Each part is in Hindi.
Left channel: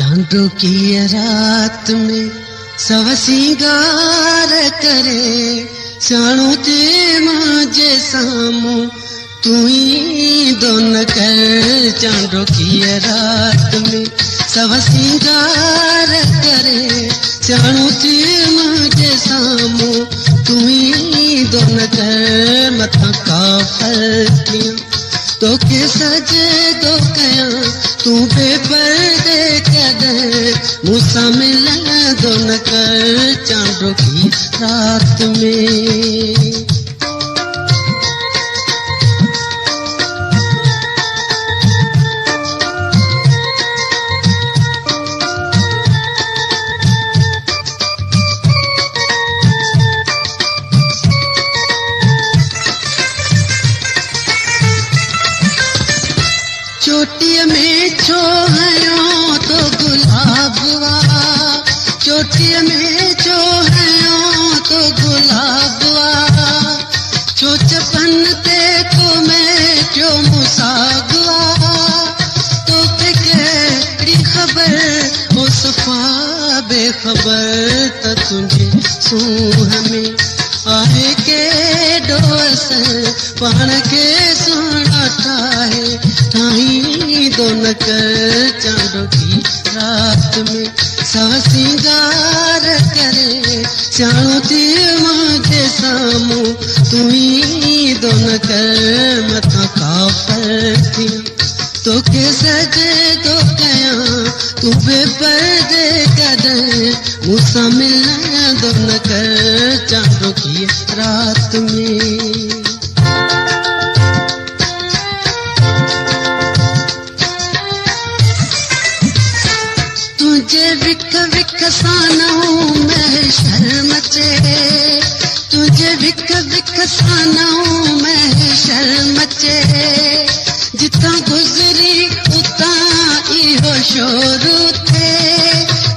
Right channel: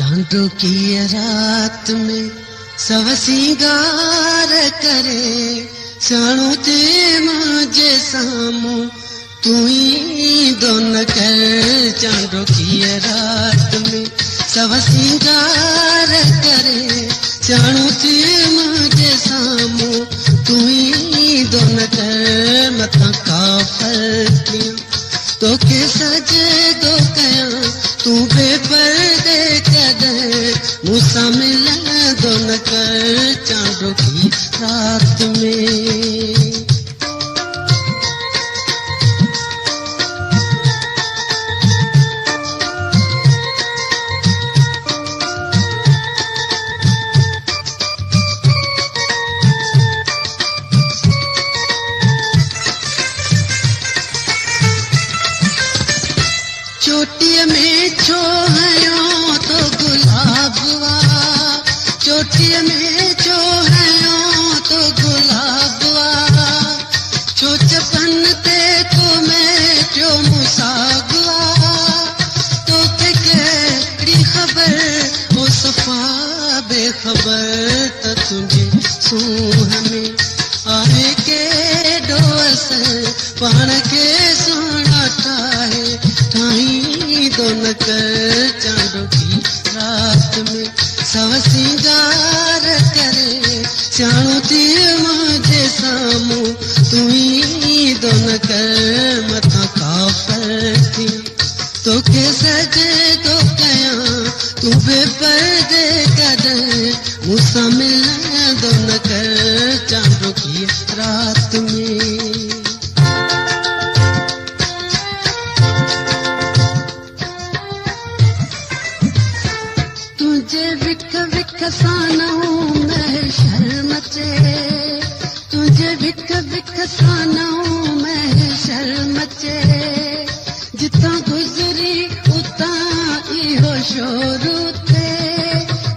चांदो की रात में सब सिंगार करे सियाणो ते मुझे सामू तू ही दोन कर। चांदो की रात में सब सिंगार करे सियाणो ते मुझे सामू तू ही दोन कर। मथा काफर तो के सजे दो कया तू बेपर्दे कदे मूसा मिला दोन कर। चांदो की रात में चोटिया में छो हयो तो गुलाबवा चोटिया में छो हयो तो गुलाबवा छो चपन ते को मैं क्यों मुसागवा तो फिक्री खबर हो सफा बेखबर तक तुझे सू हमें आए के डोस पान के सुनाता है ताही दोन कर। चांदो की रात में सब सिंगार करे सियाणो ते मुझे सामू तू ही दोन कर। मथा काफर तो के सजे दो कया तू बेपर्दे कदे मूसा मिला दोन कर। चांदो की रात में तुझे विक विक सानू मैं शर्मचे तुझे विक विक सानू मैं शर्मचे जिता गुजरी उता इहो शोर थे।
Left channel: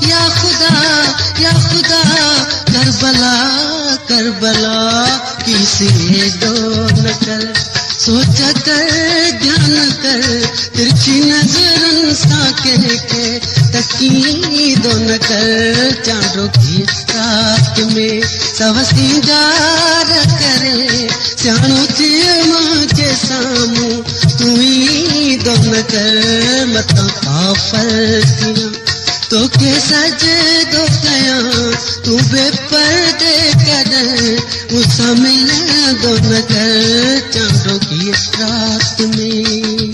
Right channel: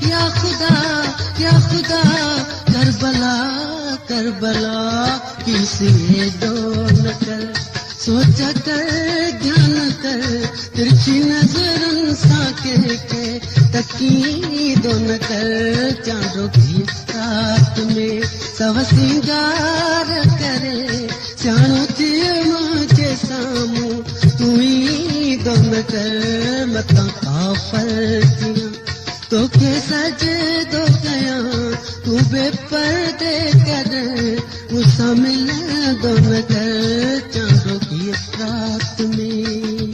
या खुदा करबला करबला किसी डोल कर सोच कर ध्यान कर तिरछी नजरन सा के तकी दोन कर। चांदो की रात में सब सिंगार करे सियाणो ते मुझे सामू तू ही दोन कर। मता काफर तो के सजे दो कया तू बेपर्दे कदे मूसा मिला दोन कर। चांदो की रात में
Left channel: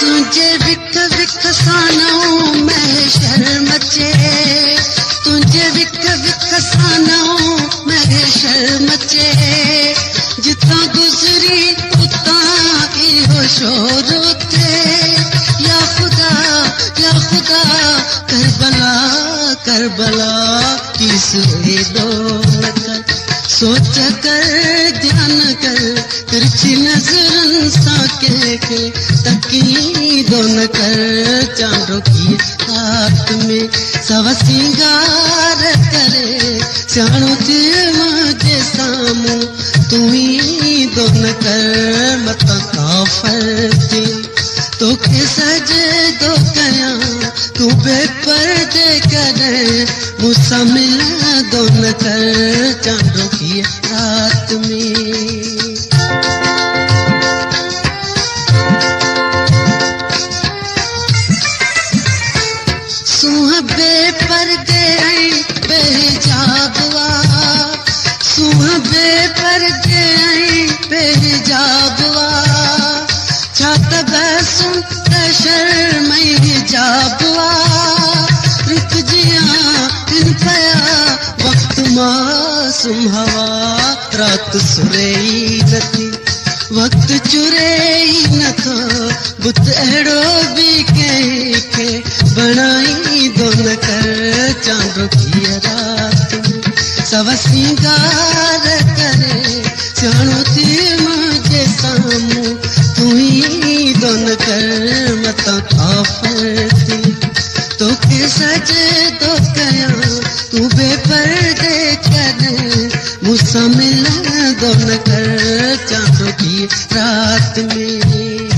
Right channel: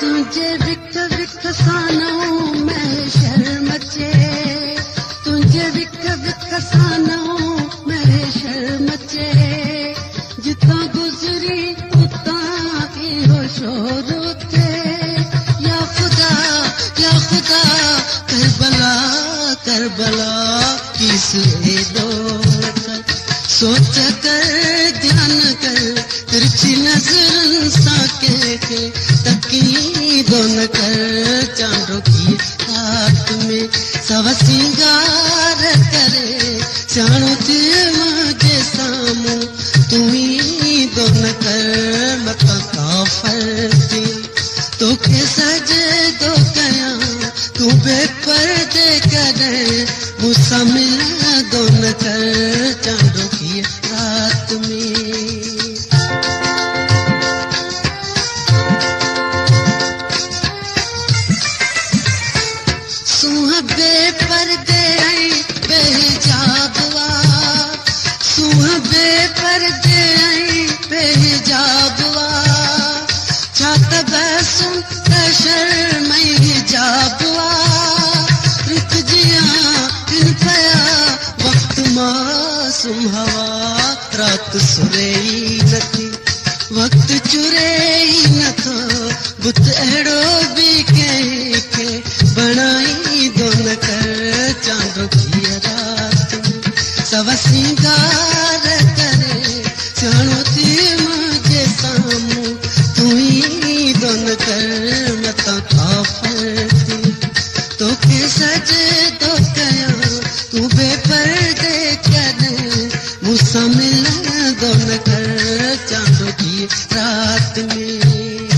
तुझे विक विक सानू मैं शर्मचे तुझे विक विक सानू मैं शर्मचे जिता गुजरी उता इहो शोर थे। या खुदा करबला करबला किस डोल कर सोच कर ध्यान कर तिरछी नजरन सा के तकी दोन कर। चांदो की रात में सब सिंगार करे सियाणो ते मुझे सामू तू ही दोन कर। मता काफर तो के सजे दो कया तू बेपर्दे करे मूसा मिला दोन कर। चांदो की रात में सुहाबे पर्दे आई बेहिजाबवा सुहाबे पर्दे आई बेहिजाबवा छात बसुन शर्मई हिजाबवा रुक जिया दिन पया वक्त मासूम हवा रात सुरेई नथी वक्त चुरेई नथो बुत अहिड़ो भी के बनाई दोन कर। चांदो की रात में सब सिंगार करे सियाणो ते मुझे सामू तू ही न कर मता काफर थी तोखे सजे तो कया तू बेपर्दे कर मुझसे मिलन दो न कर चांद की रात में